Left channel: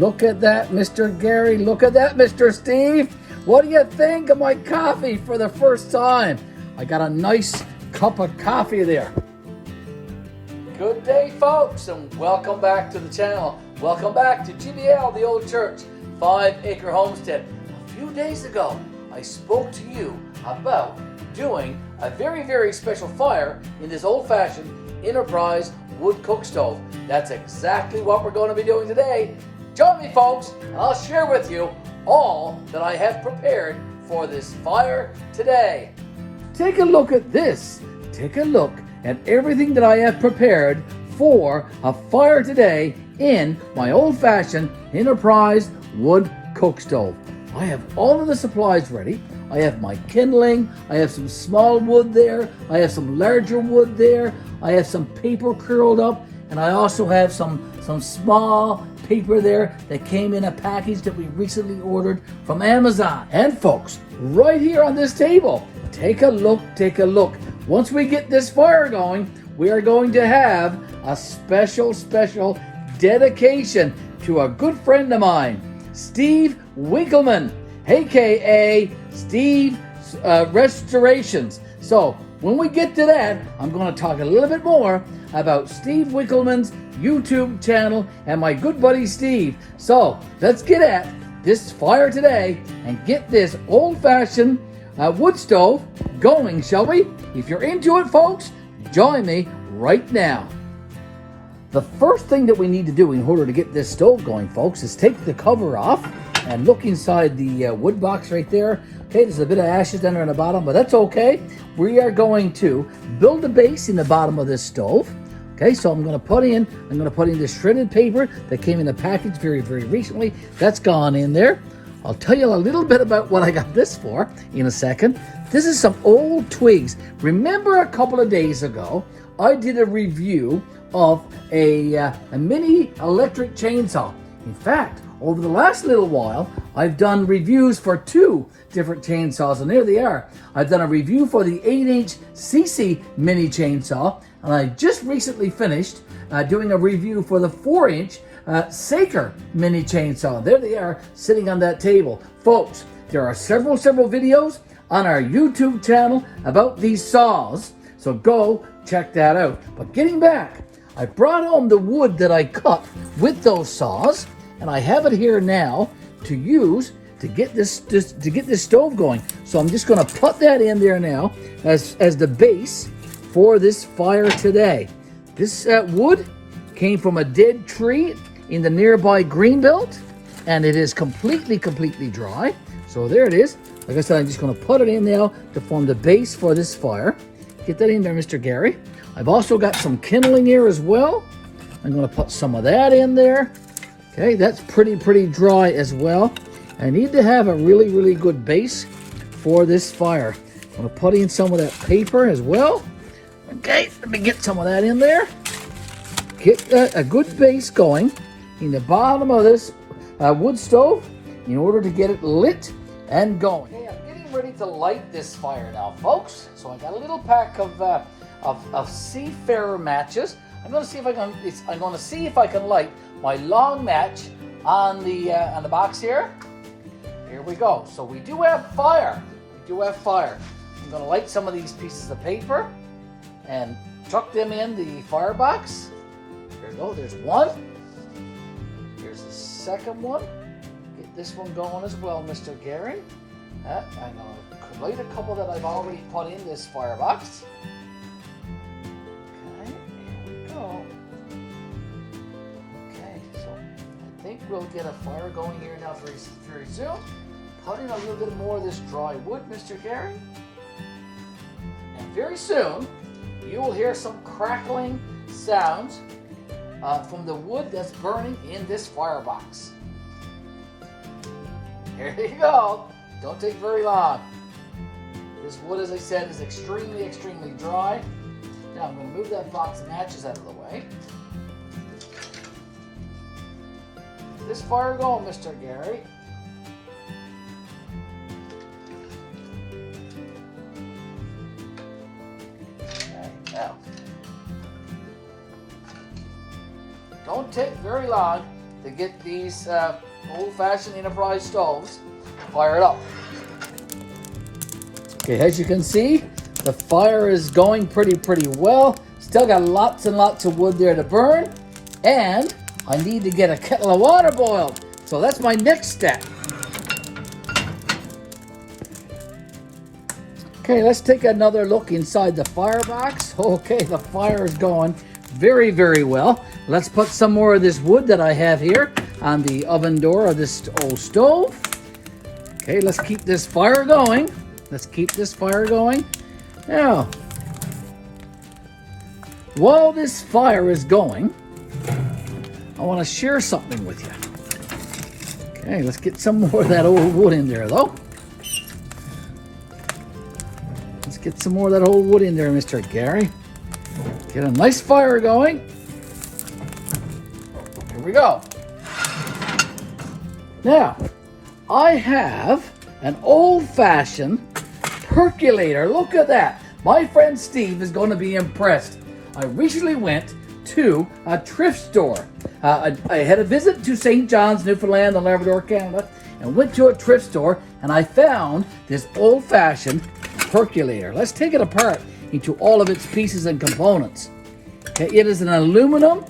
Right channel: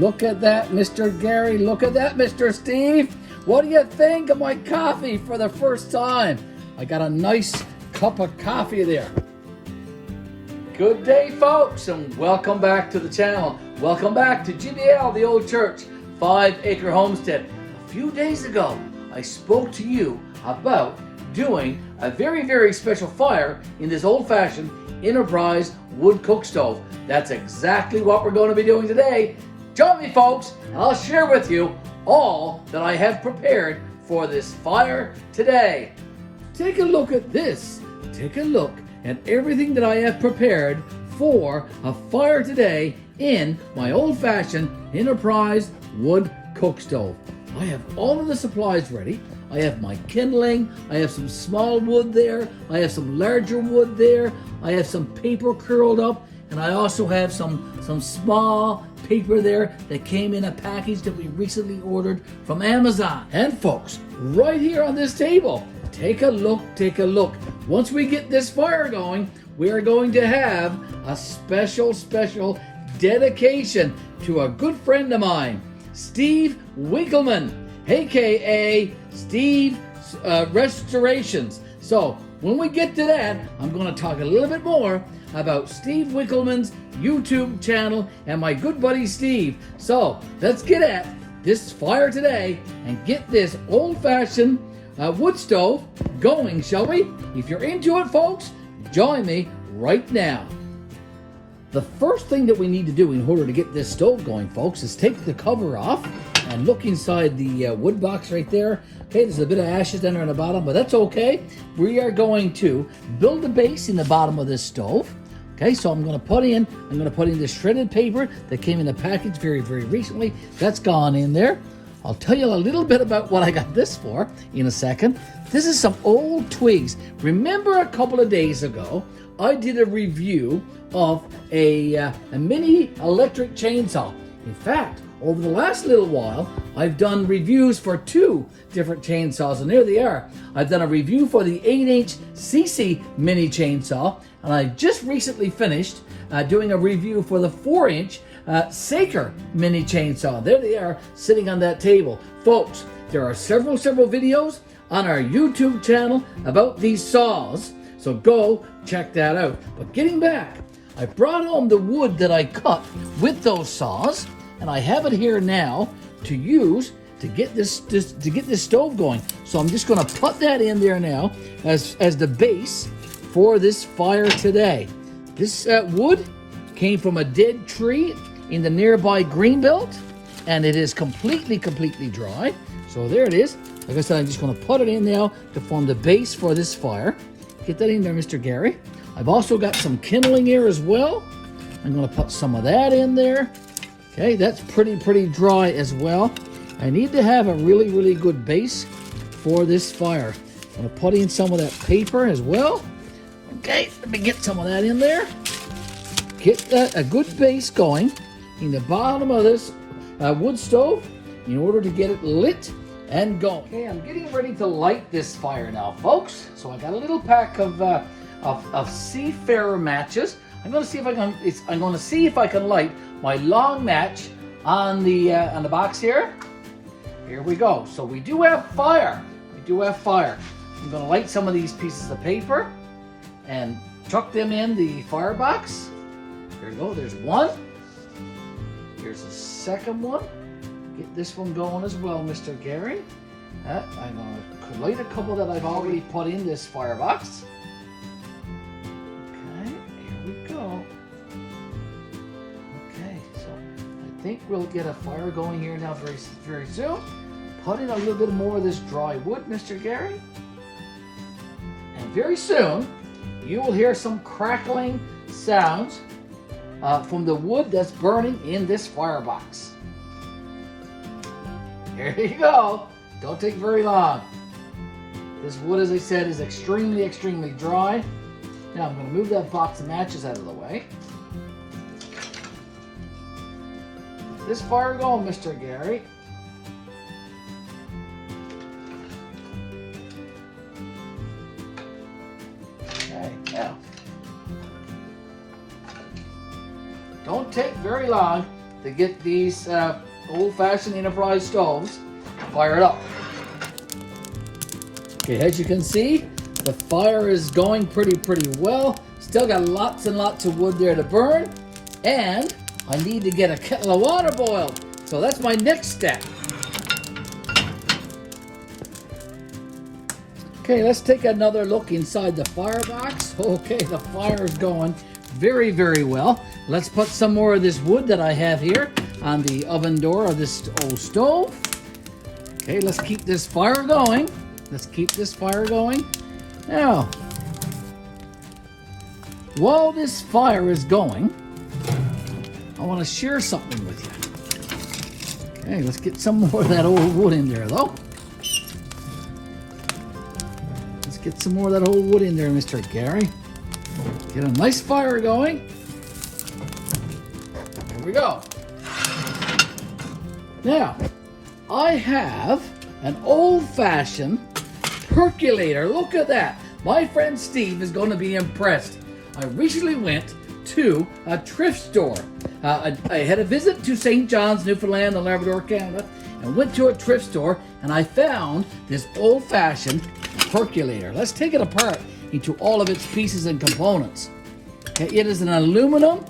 Look at that, Mr. Garry. Look at that, Mr. Steve. What do you think of my coffee for the first time? I got a nice cup of coffee there. Good day, folks, and welcome back to the channel. Welcome back to GBL, the old church, 5 Acre Homestead. A few days ago, I spoke to you about doing a very, very special fire in this old-fashioned Enterprise wood cook stove. That's exactly what we're going to be doing today. Join me, folks, and I'll share with you all that I have prepared for this fire today. Take a look at this. Take a look at everything that I have prepared for a fire today in my old-fashioned Enterprise wood cook stove. I have all of the supplies ready. I have my kindling, I have some small wood there, I have some larger wood there, I have some paper curled up, and I also have some small paper there that came in a package that we recently ordered from Amazon. And folks, right here on this table, take a look, take a look. Once we get this fire going, we are going to have a special dedication to a good friend of mine, Steve Winkelman, aka Steve Restorations. So when we get to that, I'm going to talk a little bit more about Steve Winkelman's YouTube channel and my good buddy Steve. So let's get at this fire today and get this old-fashioned wood stove going, shall we? If you're into it, folks, join me right now. The first thing that we need to do in order to get this stove going, folks, is take the cover off and look inside the wood box right there. Okay, there's a bit of ashes down there on the bottom, but that's okay. We are going to build a base in the bottom of this stove. Okay, so I'm going to put in this shredded paper that came in a package very, very recently. That's gone in there. I'll tell you a little bit about what I got this for in a second. This is some old twigs. Remember a couple of days ago, I did a review of a mini electric chainsaw. In fact, over the last little while, I've done reviews for 2 different chainsaws, and there they are. I've done a review for the 8-inch CC mini chainsaw, and I just recently finished doing a review for the 4-inch S.L.K mini chainsaw. There they are, sitting on that table. Folks, there are several videos on our YouTube channel about these saws, so go check that out. But getting back, I brought home the wood that I cut with those saws, and I have it here now to use to get this stove going. So I'm just going to put that in there now as the base for this fire today. This wood came from a dead tree in the nearby greenbelt, and it is completely dry. So there it is. Like I said, I'm just going to put it in now to form the base for this fire. Get that in there, Mr. Garry. I've also got some kindling here as well. I'm going to put some of that in there. Okay, that's pretty dry as well. I need to have a really good base for this fire. I'm going to put in some of that paper as well. Okay, let me get some of that in there. Get a good base going in the bottom of this wood stove in order to get it lit and going. Okay, I'm getting ready to light this fire now, folks. So I got a little pack of Seafarer matches. I'm going to see if I can light my long match on the box here. Here we go. So we do have fire. We do have fire. I'm going to light some of these pieces of paper and chuck them in the firebox. There you go. There's one. Here's the second one. Get this one going as well, Mr. Garry. I'm going to light a couple that I've already put in this firebox. Okay, here we go. Okay, so I think we'll get a fire going here now very soon. Put in a little bit more of this dry wood, Mr. Garry. And very soon, you will hear some crackling sounds from the wood that's burning in this firebox. Here you go. Don't take very long. This wood, as I said, is extremely dry. Now I'm going to move that box of matches out of the way. This fire going, Mr. Garry. Okay, now. Don't take very long to get these old-fashioned enterprise stoves fired up. Okay, as you can see, the fire is going pretty well. Still got lots and lots of wood there to burn. And I need to get a kettle of water boiled. So that's my next step. Okay, let's take another look inside the firebox. Okay, the fire is going very well. Let's put some more of this wood that I have here on the oven door of this old stove. Okay, let's keep this fire going. Let's keep this fire going. Now, while this fire is going, I want to share something with you. Okay, let's get some more of that old wood in there, though. Let's get some more of that old wood in there, Mr. Garry. Get a nice fire going. Here we go. Now, I have an old-fashioned percolator. Look at that. My friend Steve is going to be impressed. I recently went to a thrift store. I had a visit to St. John's, Newfoundland, and Labrador, Canada, and went to a thrift store, and I found this old-fashioned percolator. Let's take it apart into all of its pieces and components. Okay, it is an aluminum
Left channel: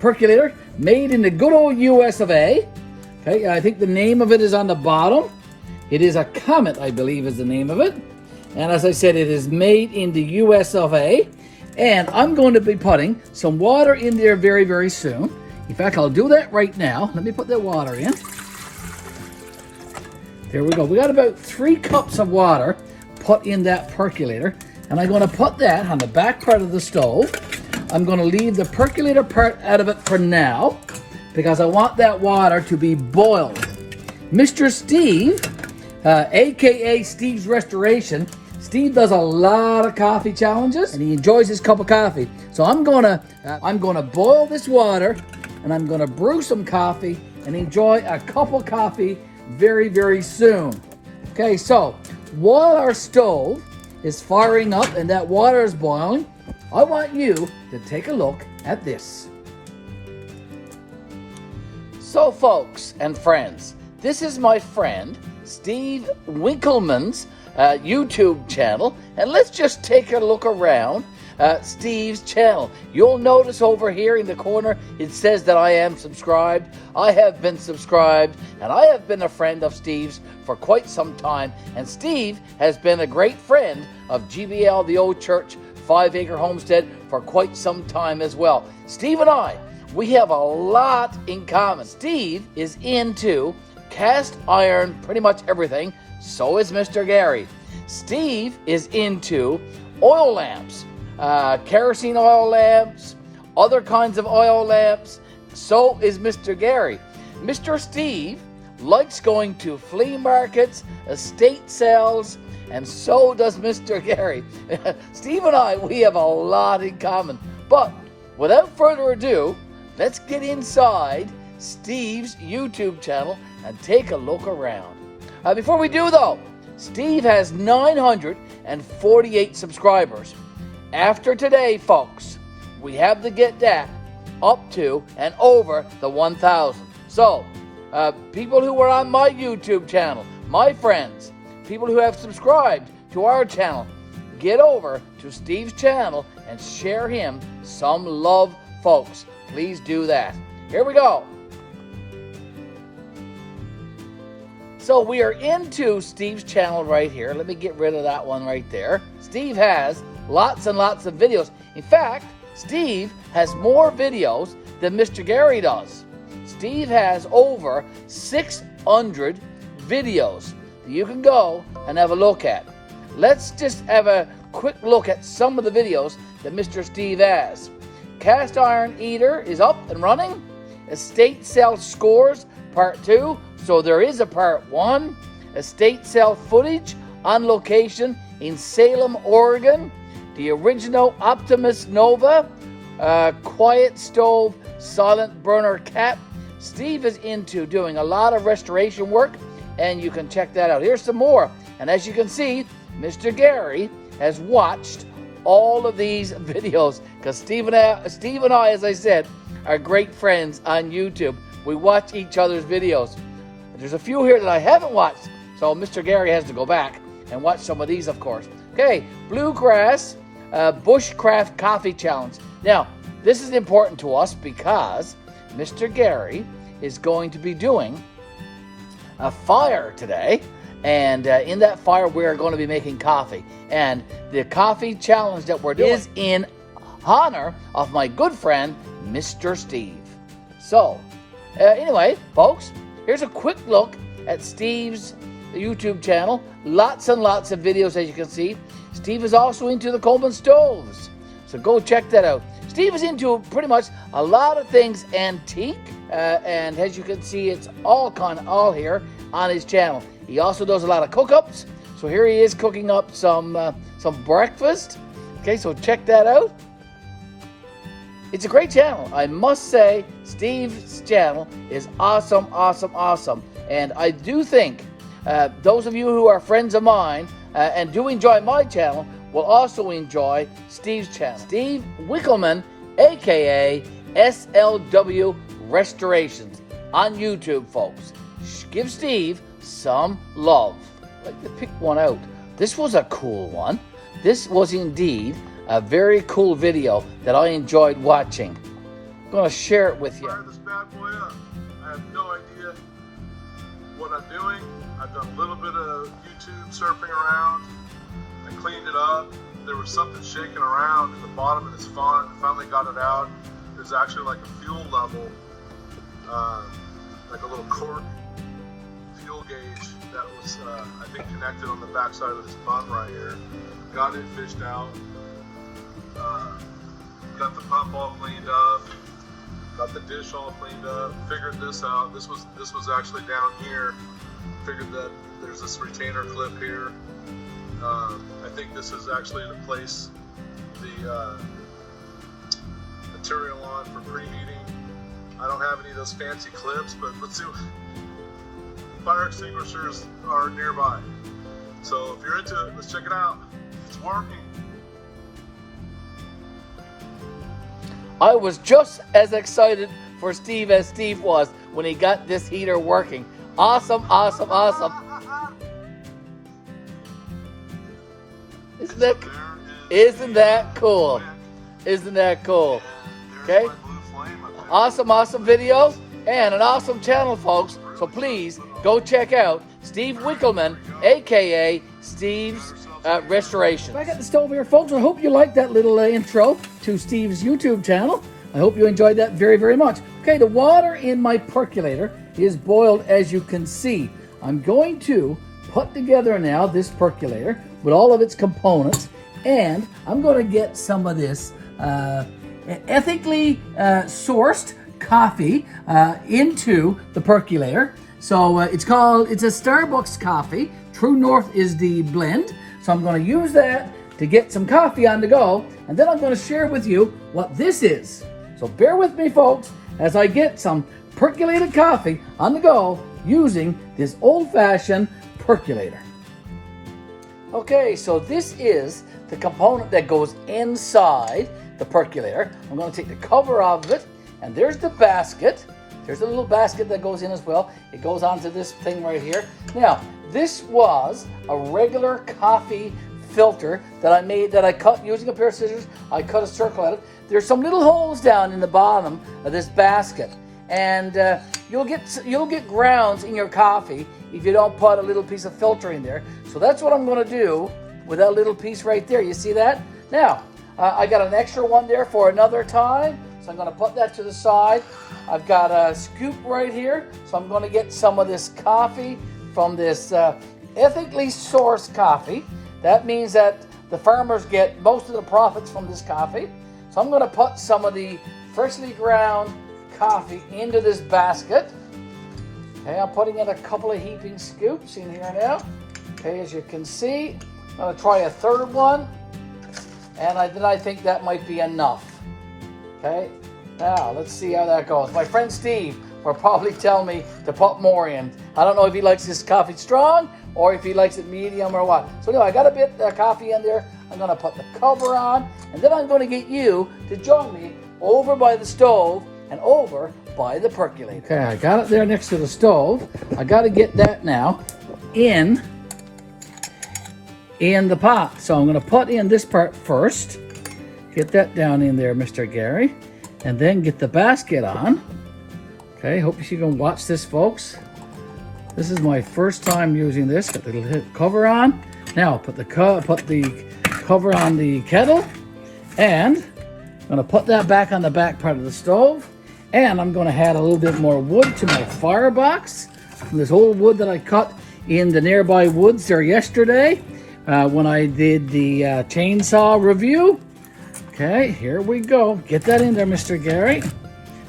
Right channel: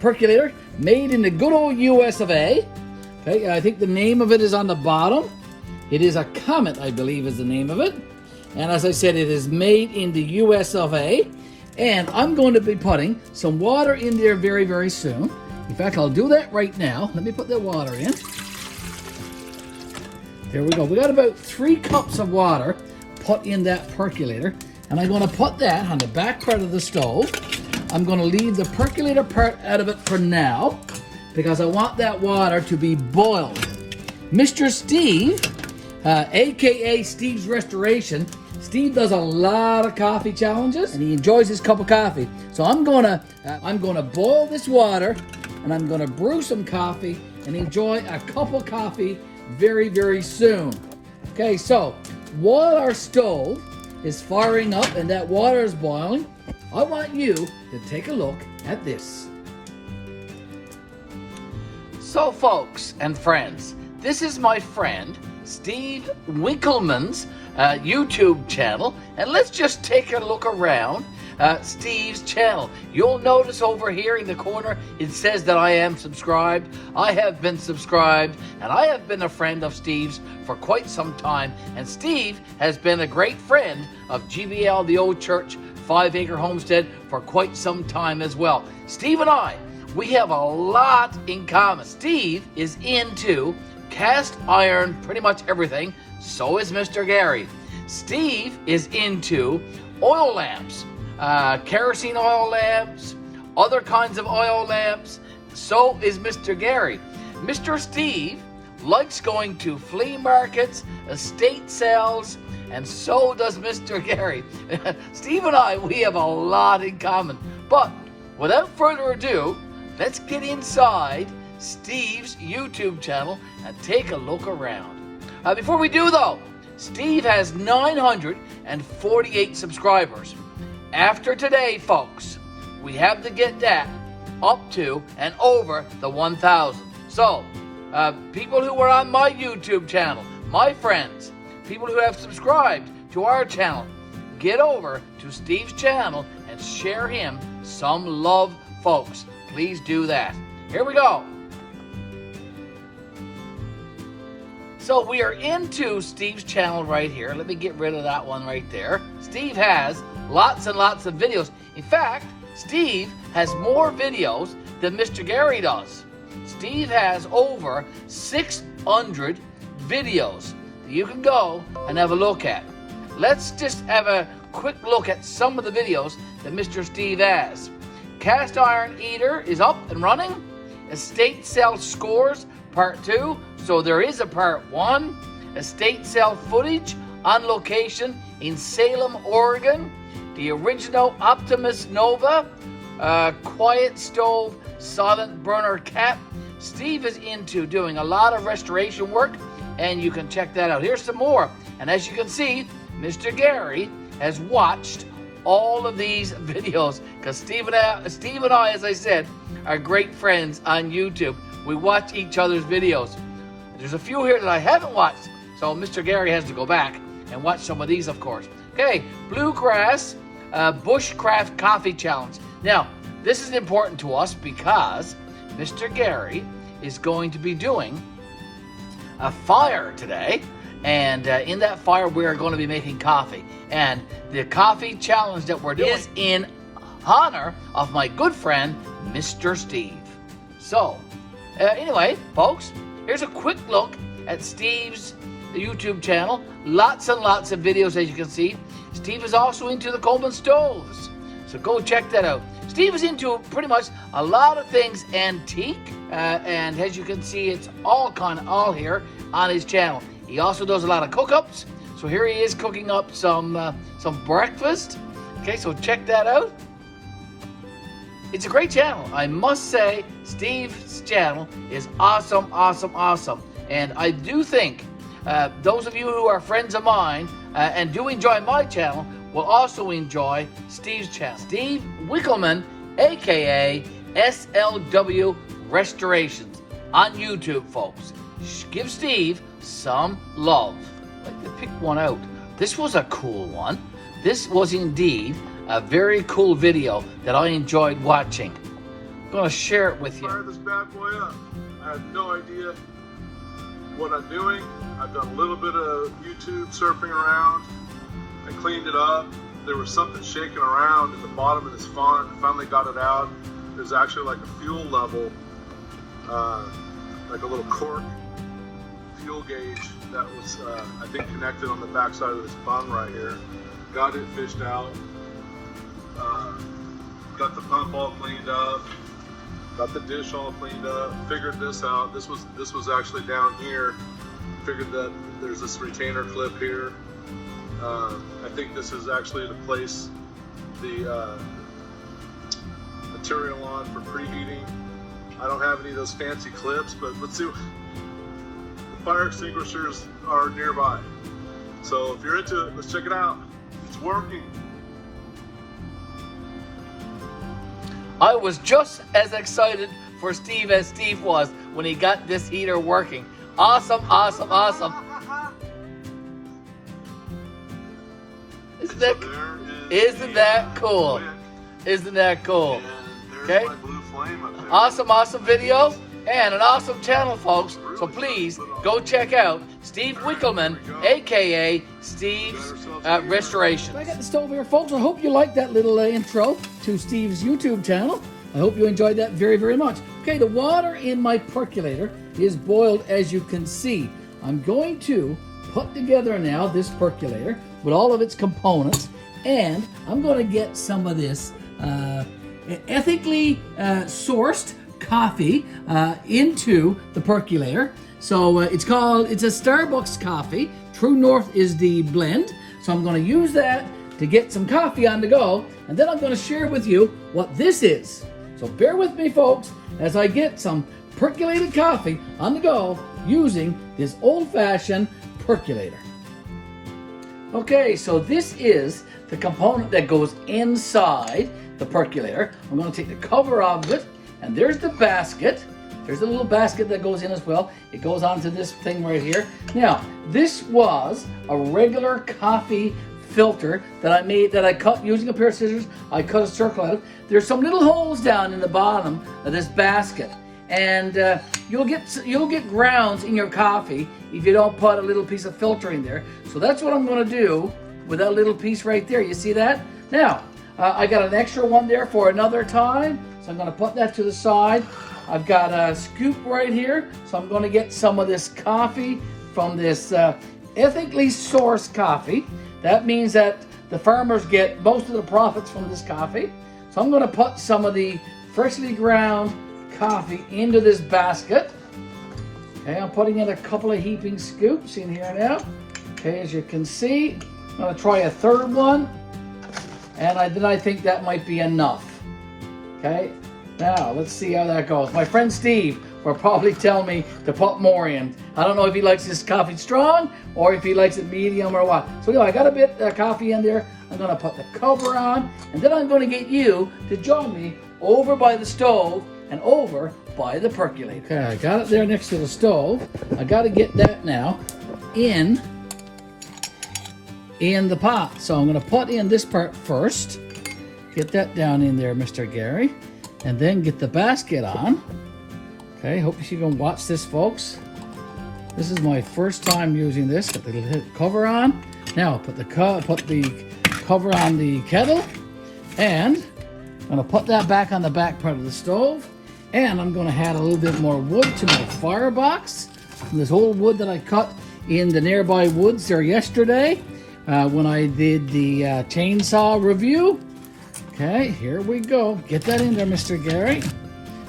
percolator made in the good old US of A. Okay, I think the name of it is on the bottom. It is a Comet, I believe is the name of it. And as I said, it is made in the US of A. And I'm going to be putting some water in there very soon. In fact, I'll do that right now. Let me put the water in. There we go. We got about 3 cups of water put in that percolator. And I'm going to put that on the back part of the stove. I'm going to leave the percolator part out of it for now, because I want that water to be boiled. Mr. Steve, aka Steve's Restoration, Steve does a lot of coffee challenges, and he enjoys his cup of coffee. So I'm gonna boil this water, and I'm gonna brew some coffee and enjoy a cup of coffee very soon. Okay, so while our stove is firing up and that water is boiling, I want you to take a look at this. So folks and friends, this is my friend Steve Winkelman's YouTube channel, and let's just take a look around Steve's channel. You'll notice over here in the corner it says that I am subscribed. I have been subscribed, and I have been a friend of Steve's for quite some time, and Steve has been a great friend of GBL-The Old Church 5 Acre Homestead for quite some time as well. Steve and I, we have a lot in common. Steve is into cast iron, pretty much everything. So is Mr. Garry. Steve is into oil lamps, kerosene oil lamps, other kinds of oil lamps. So is Mr. Garry. Mr. Steve likes going to flea markets, estate sales, and so does Mr. Garry. Steve and I, we have a lot in common. But without further ado, let's get inside Steve's YouTube channel and take a look around. Before we do though, Steve has 948 subscribers. After today, folks, we have to get that up to and over the 1,000. So, people who are on my YouTube channel, my friends, people who have subscribed to our channel, get over to Steve's channel and share him some love, folks. Please do that. Here we go. So we are into Steve's channel right here. Let me get rid of that one right there. Steve has lots and lots of videos. In fact, Steve has more videos than Mr. Garry does. Steve has over 600 videos that you can go and have a look at. Let's just have a quick look at some of the videos that Mr. Steve has. Cast Iron Eater is up and running. Estate Sale Scores Part 2. So there is a Part 1. Estate sale footage on location in Salem, Oregon. The original Optimus Nova. Quiet Stove Silent Burner Cap. Steve is into doing a lot of restoration work, and you can check that out. Here's some more. And as you can see, Mr. Garry has watched all of these videos because Steve and I, as I said, are great friends on YouTube. We watch each other's videos. There's a few here that I haven't watched, so Mr. Garry has to go back and watch some of these, of course. Okay, Bluegrass Bushcraft Coffee Challenge. Now, this is important to us because Mr. Garry is going to be doing a fire today, and in that fire we're going to be making coffee. And the coffee challenge that we're doing is in honor of my good friend, Mr. Steve. So, anyway, folks, here's a quick look at Steve's YouTube channel. Lots and lots of videos, as you can see. Steve is also into the Coleman stoves, so go check that out. Steve is into pretty much a lot of things antique, and as you can see, it's all here on his channel. He also does a lot of cook-ups, so here he is cooking up some breakfast. Okay, so check that out. It's a great channel. I must say, Steve's channel is awesome, awesome, awesome. And I do think those of you who are friends of mine and do enjoy my channel will also enjoy Steve's channel. Steve Winkelman, aka S.L.W. Restorations on YouTube, folks. Give Steve some love. I'd like to pick one out. This was a cool one. This was indeed a very cool video that I enjoyed watching. I'm going to share it with you. Fire this bad boy up. I have no idea what I'm doing. I've done a little bit of YouTube surfing around. I cleaned it up. There was something shaking around at the bottom of this font. I finally got it out. There's actually like a fuel level, like a little cork fuel gauge that was, I think, connected on the back side of this bung right here. Got it fished out. Got the pump all cleaned up. Got the dish all cleaned up. Figured this out. This was actually down here. Figured that there's this retainer clip here. I think this is actually to place the material on for preheating. I don't have any of those fancy clips, but let's see. Fire extinguishers are nearby. So if you're into it, let's check it out. It's working. I was just as excited for Steve as Steve was when he got this heater working. Awesome, awesome, awesome. Isn't that cool? Isn't that cool? Okay. Awesome, awesome video and an awesome channel, folks. So please go check out Steve Winkelman, aka Steve's Restoration. I got the stove here, folks. I hope you liked that little intro to Steve's YouTube channel. I hope you enjoyed that very, very much. Okay, the water in my percolator is boiled, as you can see. I'm going to put together now this percolator with all of its components, and I'm going to get some of this ethically sourced coffee into the percolator. So it's a Starbucks coffee. True North is the blend. So I'm going to use that to get some coffee on the go, and then I'm going to share with you what this is. So bear with me, folks, as I get some percolated coffee on the go using this old-fashioned percolator. Okay, so this is the component that goes inside the percolator. I'm going to take the cover off of it, and there's the basket. There's a little basket that goes in as well. It goes onto this thing right here. Now, this was a regular coffee filter that I made, that I cut using a pair of scissors. I cut a circle out. There's some little holes down in the bottom of this basket, and you'll get grounds in your coffee if you don't put a little piece of filter in there. So that's what I'm going to do with that little piece right there. You see that? Now, I got an extra one there for another time, so I'm going to put that to the side. I've got a scoop right here, so I'm going to get some of this coffee from this ethically sourced coffee. That means that the farmers get most of the profits from this coffee. So I'm going to put some of the freshly ground coffee into this basket. Okay, I'm putting in a couple of heaping scoops in here now. Okay, as you can see, I'm going to try a third one, and then I think that might be enough. Okay, now let's see how that goes. My friend Steve will probably tell me to put more in. I don't know if he likes this coffee strong or if he likes it medium or what. So anyway, I got a bit of coffee in there. I'm gonna put the cover on, and then I'm gonna get you to join me over by the stove and over by the percolator. Okay, I got it there next to the stove. I gotta get that now in the pot. So I'm gonna put in this part first. Get that down in there, Mr. Garry, and then get the basket on. Okay, hope you can watch this, folks. This is my first time using this. Got the little cover on. Now put the cover on the kettle, and I'm gonna put that back on the back part of the stove, and I'm gonna add a little bit more wood to my firebox from this old wood that I cut in the nearby woods there yesterday when I did the chainsaw review. Okay, here we go. Get that in there, Mr. Garry,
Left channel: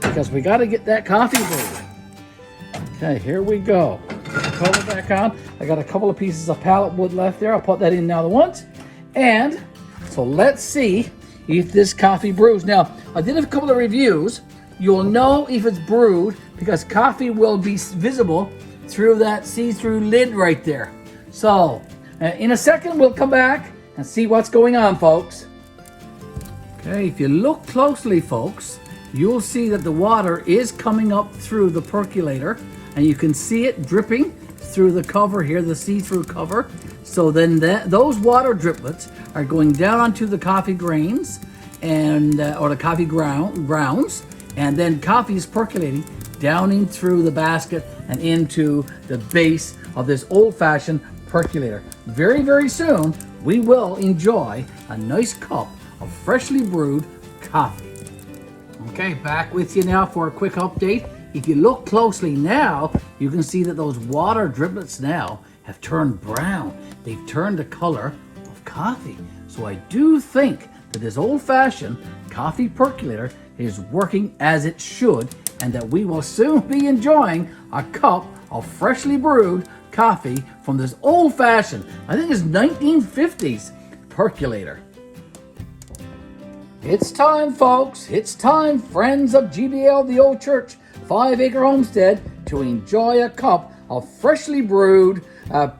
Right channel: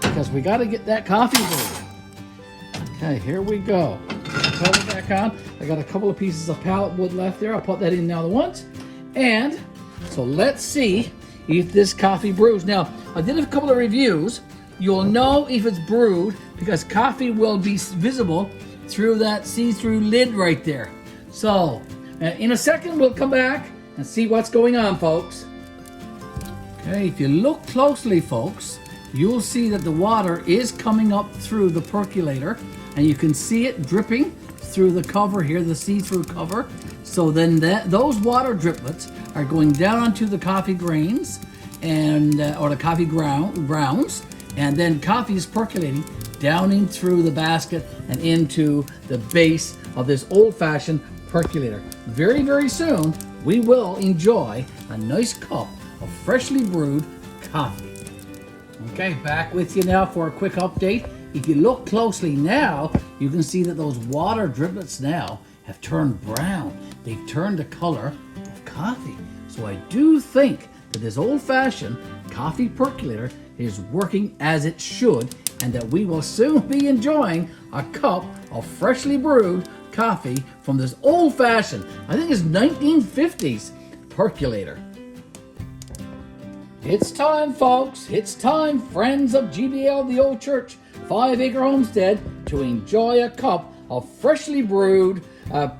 because we got to get that coffee brewed. Okay, here we go. Put the cover back on. I got a couple of pieces of pallet wood left there. I'll put that in now at once. And so let's see if this coffee brews. Now, I did a couple of reviews. You'll know if it's brewed because coffee will be visible through that see-through lid right there. So, in a second, we'll come back and see what's going on, folks. Okay, if you look closely, folks, you'll see that the water is coming up through the percolator, and you can see it dripping through the cover here, the see-through cover. So then those water driplets are going down onto the coffee grains and or the coffee grounds, and then coffee is percolating down in through the basket and into the base of this old-fashioned percolator. Very, very soon, we will enjoy a nice cup of freshly brewed coffee. Okay, back with you now for a quick update. If you look closely now, you can see that those water driplets now have turned brown. They've turned the color of coffee. So I do think that this old-fashioned coffee percolator is working as it should, and that we will soon be enjoying a cup of freshly brewed coffee from this old-fashioned, I think it's 1950s percolator. It's time, folks. It's time, friends of GBL-The Old Church 5-Acre Homestead, to enjoy a cup of freshly brewed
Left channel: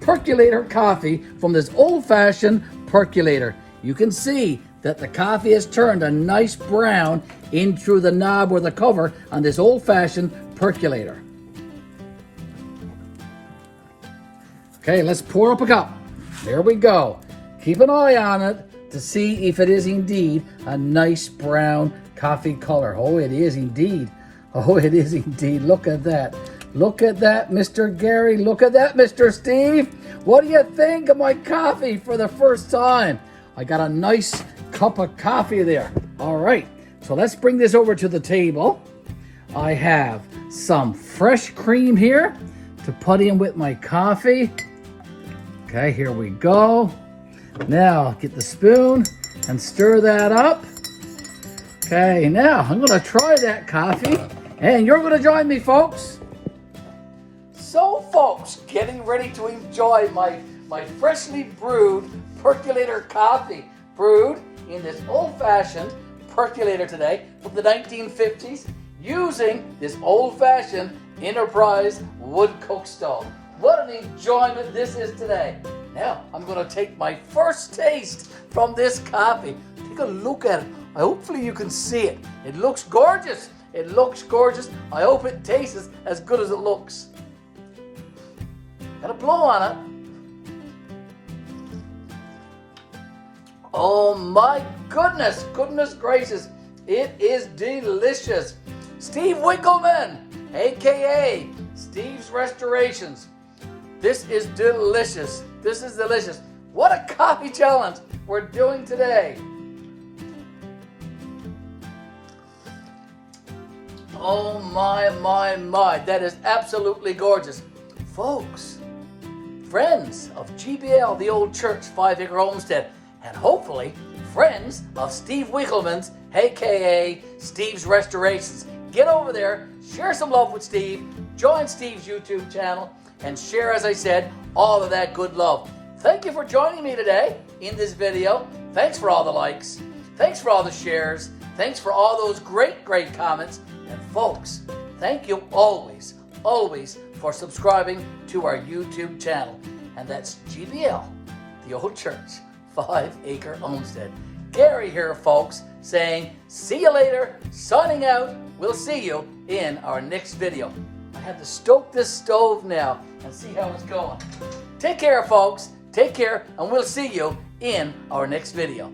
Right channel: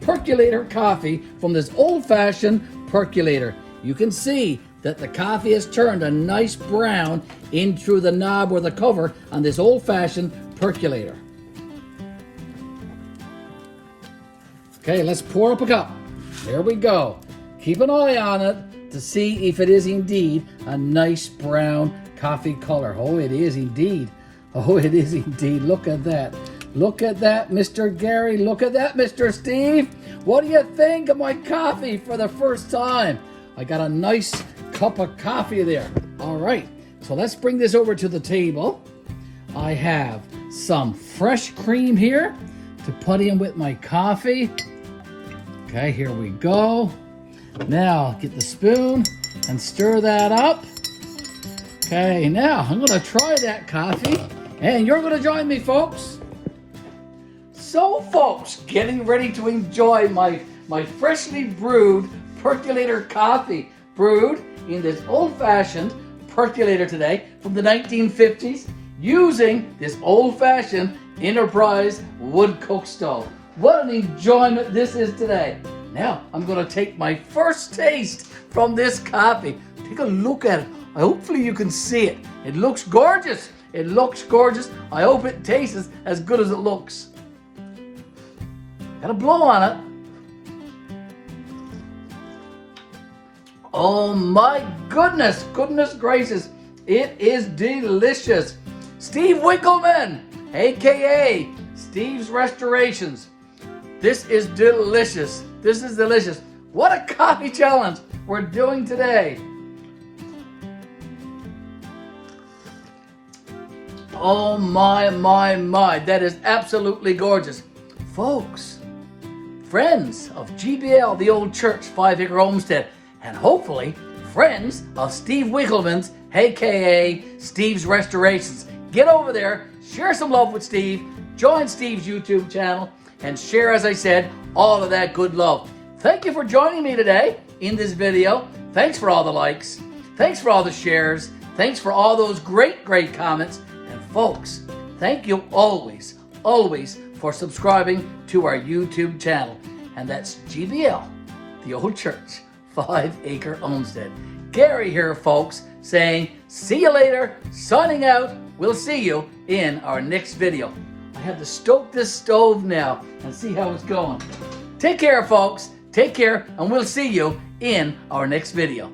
percolator coffee from this old-fashioned percolator. You can see that the coffee has turned a nice brown in through the knob or the cover on this old-fashioned percolator. Okay, let's pour up a cup. There we go. Keep an eye on it to see if it is indeed a nice brown coffee color. Oh, it is indeed. Oh, it is indeed. Look at that. Look at that, Mr. Garry. Look at that, Mr. Steve. What do you think of my coffee for the first time? I got a nice cup of coffee there. All right, so let's bring this over to the table. I have some fresh cream here to put in with my coffee. Okay, here we go. Now, get the spoon and stir that up. Okay, now I'm gonna try that coffee, and you're gonna join me, folks. So, folks, getting ready to enjoy my freshly brewed percolator coffee, brewed in this old-fashioned percolator today from the 1950s, using this old-fashioned Enterprise wood cook stove. What an enjoyment this is today. Now, I'm going to take my first taste from this coffee. Take a look at it. Hopefully you can see it. It looks gorgeous. It looks gorgeous. I hope it tastes as good as it looks. Got a blow on it. Oh my goodness, goodness gracious. It is delicious. Steve Winkelman, AKA Steve's Restorations. This is delicious. This is delicious. What a coffee challenge we're doing today. Oh my, my, my. That is absolutely gorgeous. Folks, friends of GBL-The Old Church 5-Acre Homestead, and hopefully friends of Steve Winkelman's, aka Steve's Restorations. Get over there, share some love with Steve, join Steve's YouTube channel, and share, as I said, all of that good love. Thank you for joining me today in this video. Thanks for all the likes. Thanks for all the shares. Thanks for all those great, great comments. And folks, thank you always, always for subscribing to our YouTube channel. And that's GBL-The Old Church 5-acre homestead. Garry here, folks, saying see you later, signing out. We'll see you in our next video. I have to stoke this stove now and see how it's going. Take care, folks. Take care, and we'll see you in our next video.